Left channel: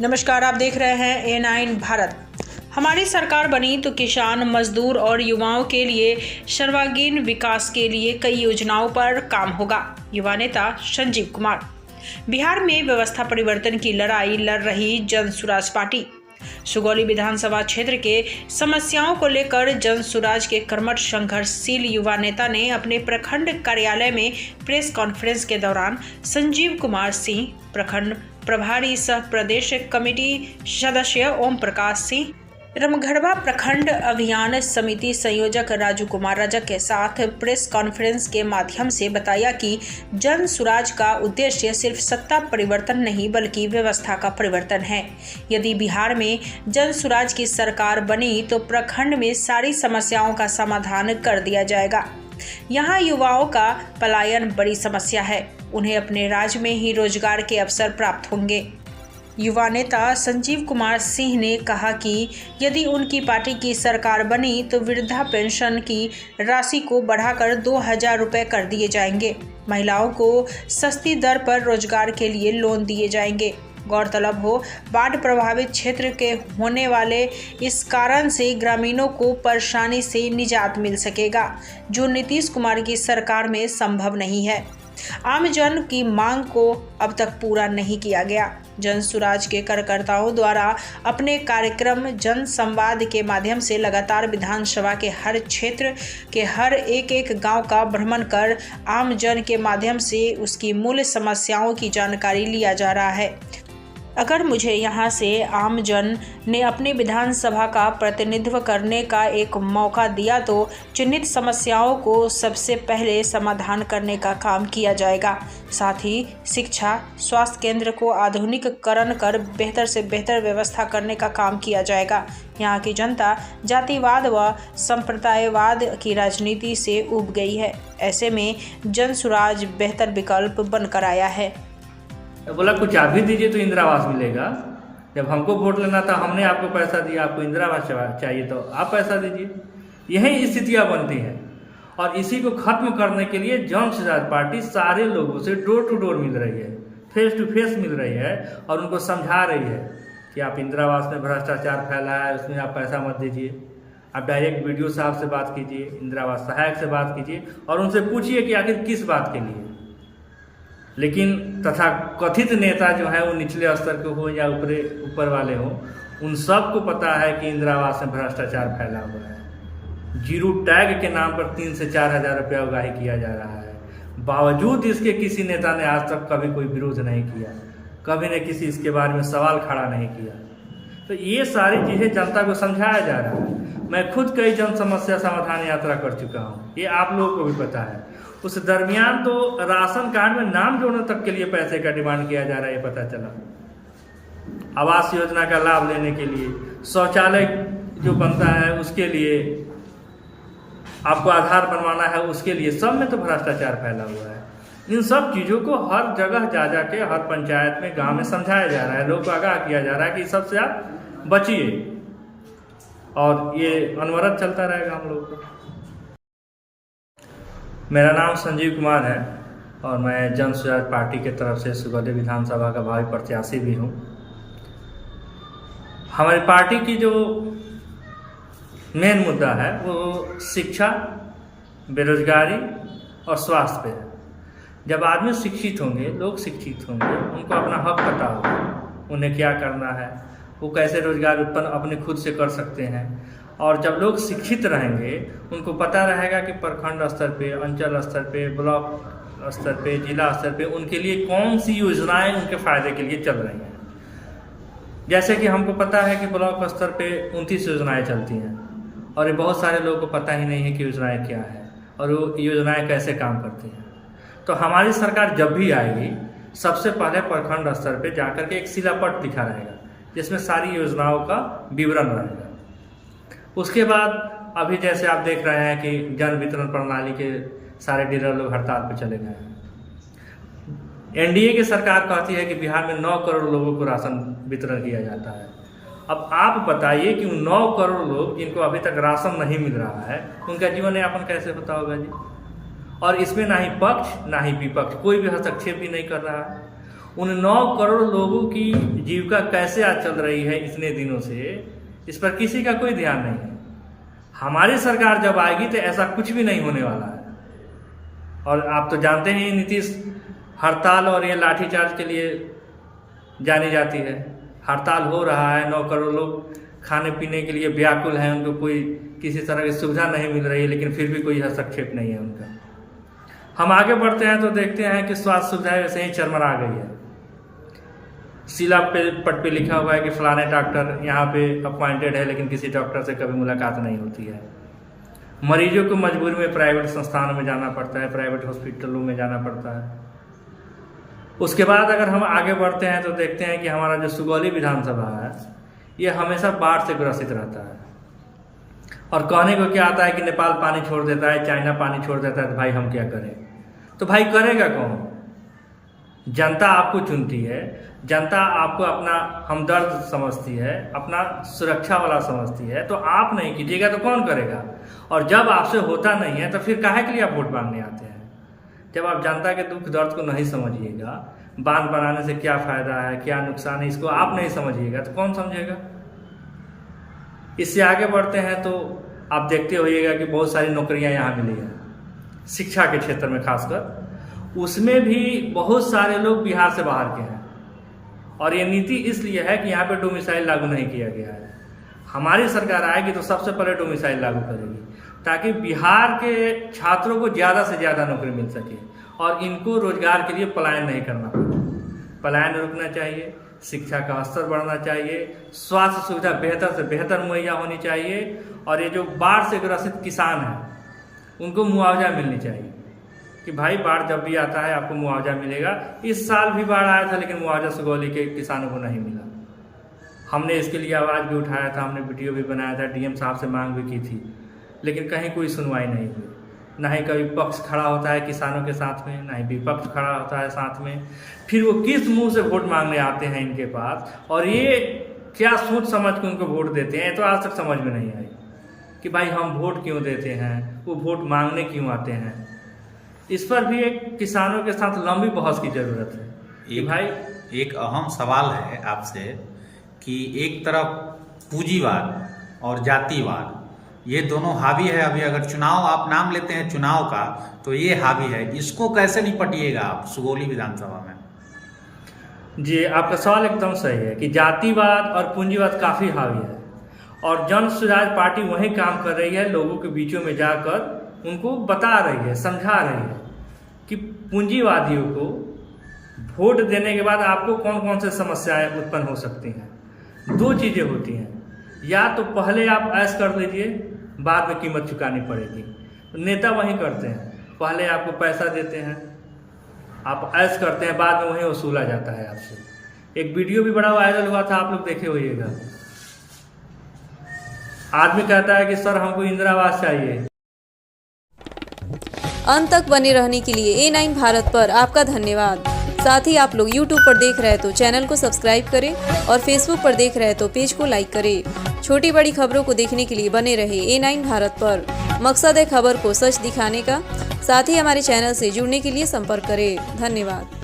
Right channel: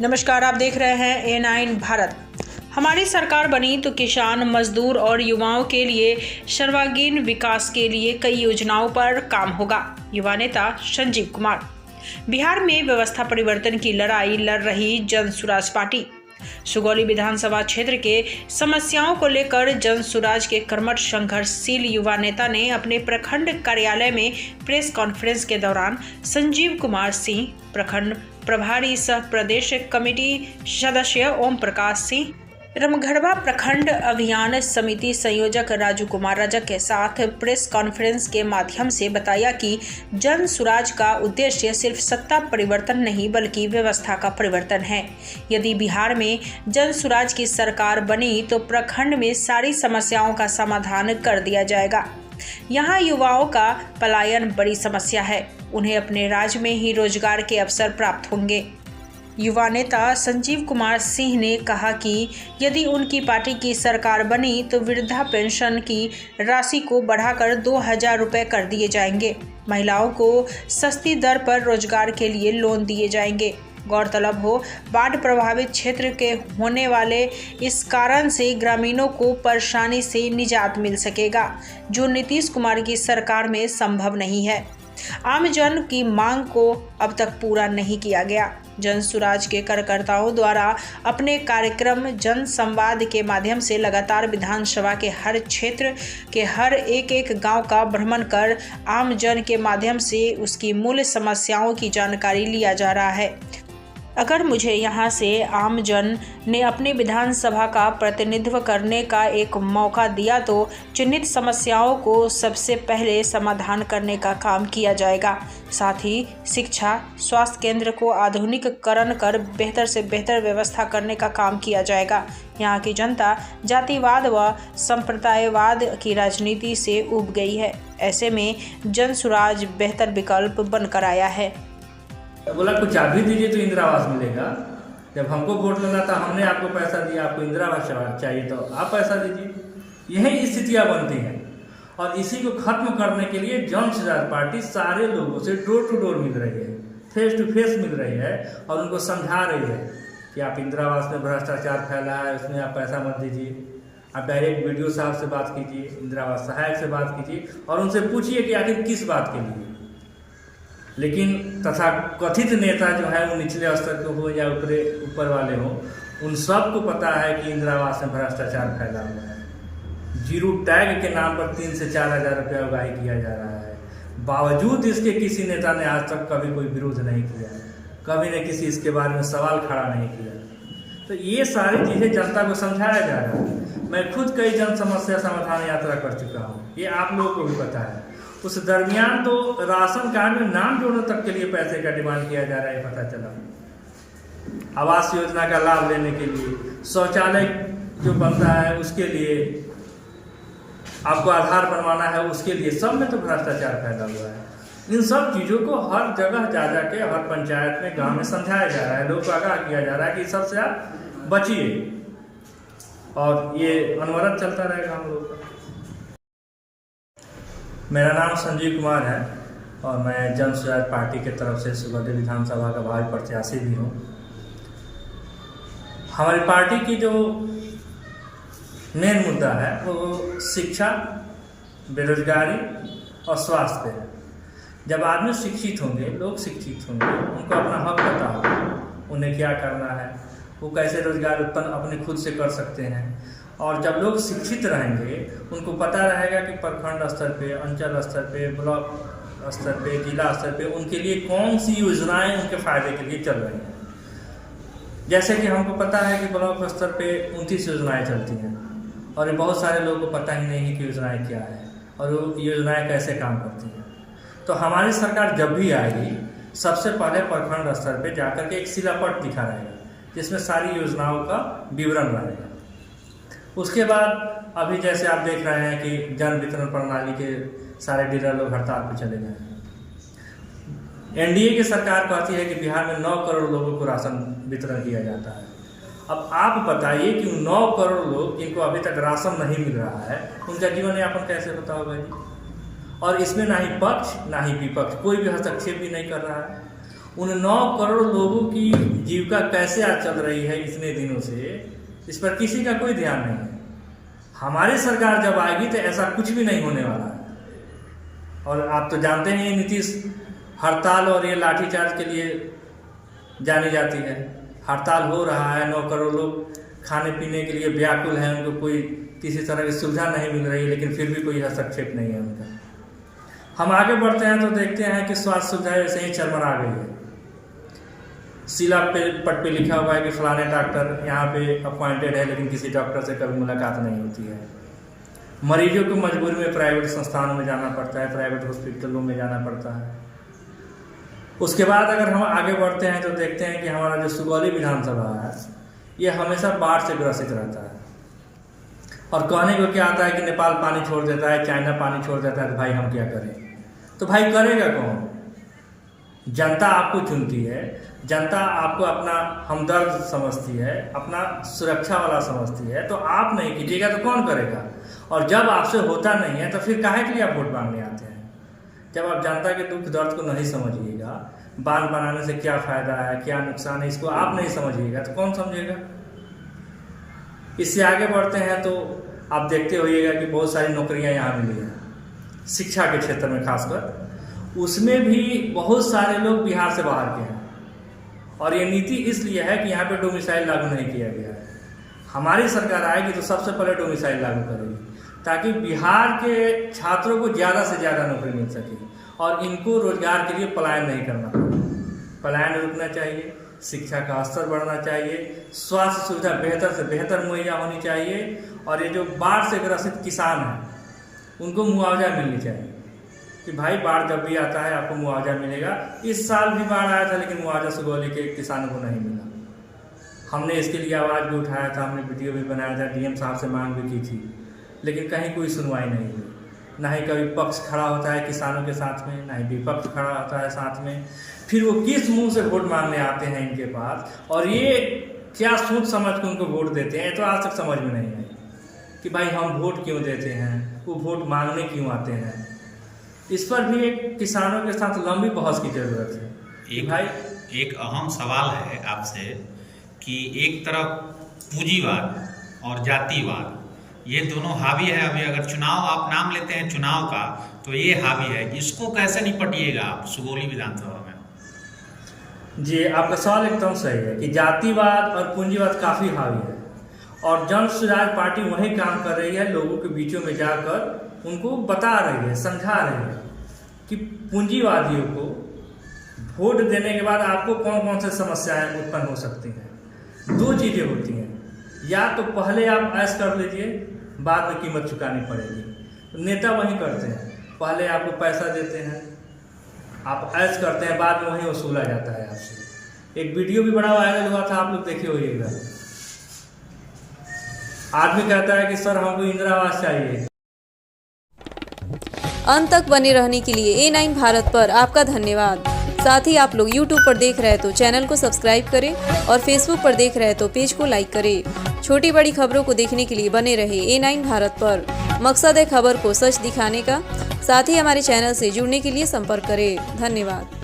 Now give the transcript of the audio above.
नमस्कार, आप देख रहे हैं A9 भारत। हमारी सरकार बनी तो किसान, मजदूर और युवाओं के लिए सर्वांगीण विकास के लिए कई योजनाओं पर काम होगा। युवा नेता संजीव कुमार। बिहार में व्यवस्था परिवर्तन की लड़ाई लड़ रही जन सुराज पार्टी। सुगौली विधानसभा क्षेत्र के समस्याओं को लेकर जन सुराज के कर्मठ संघर्षशील युवा नेता ने अपने प्रखंड कार्यालय में प्रेस कॉन्फ्रेंस के दौरान संजीव कुमार सिंह, प्रखंड प्रभारी सह प्रदेश कमेटी सदस्य ओम प्रकाश सिंह, रमगढ़वा प्रखंड अभियान समिति संयोजक राजू कुमार रजक के साथ प्रेस कॉन्फ्रेंस के माध्यम से बताया कि जन सुराज का उद्देश्य सिर्फ सत्ता परिवर्तन नहीं बल्कि व्यवस्था का परिवर्तन है। यदि बिहार में जन सुराज की सरकार बनी तो प्रखंड में सारी समस्याओं का समाधान कर दिया जाएगा। यहाँ युवाओं का पलायन बड़ी समस्या है, उन्हें अपने राज्य में ही रोजगार के अवसर प्राप्त होंगे। युवा नेता संजीव कुमार सिंह ने कहा कि यदि उनकी पार्टी की सरकार बनी तो वृद्धा पेंशन की राशि को बढ़ाकर 2000 रुपये कर दिए जाएंगे। महिलाओं को सस्ती दर पर रोजगार के लिए लोन दिए जाएंगे। गौरतलब हो, बाढ़ प्रभावित क्षेत्र के होने वाले इस कारण से ग्रामीणों को परेशानी से निजात मिल सकेगा, जो नीतीश कुमार की सरकार में संभव नहीं है। आम जन की मांग को अब तक पूरा नहीं किया गया। जन सुराज के कार्यकर्ताओं द्वारा अपने कार्यक्रम जन संवाद के माध्यम से लगातार विधानसभा के हर क्षेत्र के हर एक गांव का भ्रमण कर आम जन के माध्यम से उसकी मूल समस्याओं की जानकारी लिया जा रहा है। अगर मुझे यहाँ से आम जन ने अपनी विधानसभा का प्रतिनिधित्व करने का एक मौका दिया तो चिन्हित समस्याओं को सबसे पहले समाधान करने का काम किया जाएगा। साथ ही शिक्षा, स्वास्थ्य केंद्र को आधुनिकीकरण कर बेहतर से बेहतर व्यवस्था करने का काम किया जाएगा। यहाँ की जनता जातिवाद व संप्रदायवाद की राजनीति से उब गई है। ऐसे में जन सुराज बेहतर विकल्प बनकर आया है। बोला कुछ आप भी दीजिए तो इंदिरा आवास मिलेगा। जब हमको वोट लेना था हमने आपको पैसा दिया, आपको इंदिरा आवास चाहिए तो आप पैसा दीजिए। यही स्थितियां बनती हैं और इसी को खत्म करने के लिए जन सुराज पार्टी सारे लोगों से डोर टू डोर मिल रही है, फेस टू फेस मिल रही है और उनको समझा रही है कि आप इंदिरा आवास में भ्रष्टाचार फैला है, उसमें आप पैसा मत दीजिए। आप डायरेक्ट वीडियो साहब से बात कीजिए, इंदिरा आवास सहायक से बात कीजिए और उनसे पूछिए कि आखिर किस बात के लिए। लेकिन तथा कथित नेता जो है वो निचले स्तर के हो या ऊपर वाले हो, उन सबको पता है कि इंदिरा आवास में भ्रष्टाचार फैला हुआ है। जीरो टैग के नाम पर 3 से 4 हज़ार रुपया उगाही किया जा रहा है। बावजूद इसके किसी नेता ने आज तक कभी कोई विरोध नहीं किया, कभी ने किसी इसके बारे में सवाल खड़ा नहीं किया। तो ये सारी चीज़ें जनता को समझाया जा रहा है। मैं खुद कई जन समस्या समाधान यात्रा कर चुका हूँ, ये आप लोगों को भी पता है। उस दरमियान तो राशन कार्ड में नाम जोड़ने तक के लिए पैसे का डिमांड किया जा रहा है, पता चला। आवास योजना का लाभ लेने के लिए, शौचालय जो बनता है उसके लिए, आपको आधार बनवाना है उसके लिए, सब में तो भ्रष्टाचार फैला हुआ है। इन सब चीज़ों को हर जगह जा के हर पंचायत में, गांव में समझाया जा रहा है, लोग को आगाह किया जा रहा है कि सबसे आप बचिए और ये अनवरत चलता रहेगा हम लोग का। मेरा नाम संजीव कुमार है और मैं जन सुराज पार्टी के तरफ से सुगौली विधानसभा का भावी प्रत्याशी भी हूँ। हमारी पार्टी की जो मेन मुद्दा है वो शिक्षा, बेरोजगारी और स्वास्थ्य पे है। जब आदमी शिक्षित होंगे, लोग शिक्षित होंगे, उनको अपना हक पता होगा, उन्हें क्या करना है, वो कैसे रोजगार उत्पन्न अपने खुद से कर सकते हैं। और जब लोग शिक्षित रहेंगे, उनको पता रहेगा कि प्रखंड स्तर पे, अंचल स्तर पे, ब्लॉक स्तर पे, जिला स्तर पे उनके लिए कौन सी योजनाएं उनके फायदे के लिए चल रही हैं। जैसे कि हमको पता है कि ब्लॉक स्तर पे 29 योजनाएं चलती हैं और ये बहुत सारे लोगों को पता ही नहीं है कि योजनाएं क्या है और वो योजनाएं कैसे काम करती हैं। तो हमारी सरकार जब भी आएगी, सबसे पहले प्रखंड स्तर पे जाकर के एक शिलापट दिखा रहेगा जिसमें सारी योजनाओं का विवरण रहेगा। उसके बाद अभी जैसे आप देख रहे हैं कि जन वितरण प्रणाली के सारे डीलर लोग हड़ताल पर चले गए हैं। एनडीए की सरकार कहती है कि बिहार में 9 करोड़ लोगों को राशन वितरण किया जाता है। अब आप बताइए कि 9 करोड़ लोग जिनको अभी तक राशन नहीं मिल रहा है, उनका जीवन यापन कैसे होता होगा जी। और इसमें ना ही पक्ष ना ही विपक्ष कोई भी हस्तक्षेप भी नहीं कर रहा है। उन 9 करोड़ लोगों की जीविका कैसे आज चल रही है इतने दिनों से, इस पर किसी का कोई ध्यान नहीं है। हमारी सरकार जब आएगी तो ऐसा कुछ भी नहीं होने वाला है। और आप तो जानते हैं नीतीश हड़ताल और ये लाठीचार्ज के लिए जानी जाती है। हड़ताल हो रहा है, 9 करोड़ लोग खाने पीने के लिए व्याकुल हैं, उनको कोई किसी तरह की सुविधा नहीं मिल रही है, लेकिन फिर भी कोई हस्तक्षेप नहीं है उनका। हम आगे बढ़ते हैं तो देखते हैं कि स्वास्थ्य सुविधाएं वैसे ही चरमरा गई है। सिला पे पट पे लिखा हुआ है कि फलाने डॉक्टर यहाँ पे अपॉइंटेड है, लेकिन किसी डॉक्टर से कभी मुलाकात नहीं होती है। मरीजों को मजबूरी में प्राइवेट संस्थानों में जाना पड़ता है, प्राइवेट हॉस्पिटलों में जाना पड़ता है। उसके बाद अगर हम आगे बढ़ते हैं तो देखते हैं कि हमारा जो सुगौली विधानसभा है ये हमेशा बाढ़ से ग्रसित रहता है। और कहने को क्या आता है कि नेपाल पानी छोड़ देता है, चाइना पानी छोड़ देता है, तो भाई हम क्या करें? तो भाई करेगा कौन? जनता आपको चुनती है, जनता आपको अपना हमदर्द समझती है, अपना सुरक्षा वाला समझती है, तो आप नहीं कीजिएगा तो कौन करेगा? और जब आपसे होता नहीं है तो फिर काहे के लिए आप वोट मांगने आते हैं? जब आप जनता के दुख दर्द को नहीं समझिएगा, बांध बनाने से क्या फायदा है, क्या नुकसान है, इसको आप नहीं समझिएगा तो कौन समझेगा? इससे आगे बढ़ते हैं तो आप देखते होइएगा कि बहुत सारी नौकरियां यहाँ मिली हैं, शिक्षा के क्षेत्र में खासकर। उसमें भी बहुत सारे लोग बिहार से बाहर के हैं, और ये नीति इसलिए है कि यहाँ पे डोमिसाइल लागू नहीं किया गया है। हमारी सरकार आएगी तो सबसे पहले डोमिसाइल लागू करेगी, ताकि बिहार के छात्रों को ज़्यादा से ज़्यादा नौकरी मिल सके और इनको रोजगार के लिए पलायन नहीं करना पड़े। पलायन रुकना चाहिए, शिक्षा का स्तर बढ़ना चाहिए, स्वास्थ्य सुविधा बेहतर से बेहतर मुहैया होनी चाहिए, और ये जो बाढ़ से ग्रसित किसान हैं उनको मुआवजा मिलनी चाहिए कि भाई बाढ़ जब भी आता है आपको मुआवजा मिलेगा। इस साल भी बाढ़ आया था लेकिन मुआवजा सुगौली के किसानों को नहीं मिला। हमने इसके लिए आवाज़ भी उठाया था, हमने वीडियो भी बनाया था, डीएम साहब से मांग भी की थी, लेकिन कहीं कोई सुनवाई नहीं हुई। ना ही कभी पक्ष खड़ा होता है किसानों के साथ में, ना ही विपक्ष खड़ा होता है साथ में। फिर वो किस मुंह से वोट मांगने आते हैं इनके पास, और ये क्या सोच समझ के उनको वोट देते हैं, तो आज तक समझ में नहीं आई कि भाई हम वोट क्यों देते हैं, वो वोट मांगने क्यों आते हैं। इस पर भी एक किसानों के साथ लंबी बहस की जरूरत है कि भाई एक अहम सवाल है आपसे कि एक तरफ पूंजीवाद और जातिवाद ये दोनों हावी है। अभी अगर चुनाव आप नाम लेते हैं चुनाव का, तो ये हावी है, इसको कैसे निपटिएगा आप सुगौली विधानसभा में? जी, आपका सवाल एकदम सही है कि जातिवाद और पूंजीवाद काफ़ी हावी है, और जन सुराज पार्टी वही काम कर रही है, लोगों के बीचों में जाकर उनको बता रही है, समझा रही है कि पूंजीवादियों को वोट देने के बाद आपको कौन कौन से समस्याएं उत्पन्न हो सकती हैं। 2 चीज़ें होती हैं, या तो पहले आप ऐश कर लीजिए, बाद में कीमत चुकानी पड़ेगी। तो नेता वही करते हैं, पहले आपको पैसा देते हैं, आप ऐश करते हैं, बाद में वही वसूला जाता है आपसे। एक वीडियो भी बड़ा वायरल हुआ था, आप लोग देखे होइएगा। आदमी कहता है कि सर हमको इंदिरा आवास चाहिए। अंत तक बने रहने के लिए A9 भारत पर आपका धन्यवाद। साथ ही आप लोग YouTube पर देख रहे हैं तो चैनल को सब्सक्राइब करें, और Facebook पर देख रहे हैं तो पेज को लाइक करें। छोटी बड़ी खबरों को देखने के लिए बने रहे A9 भारत पर। मकसद है खबर को सच दिखाने का। साथ ही हमारे चैनल से जुड़ने के लिए संपर्क करें। धन्यवाद।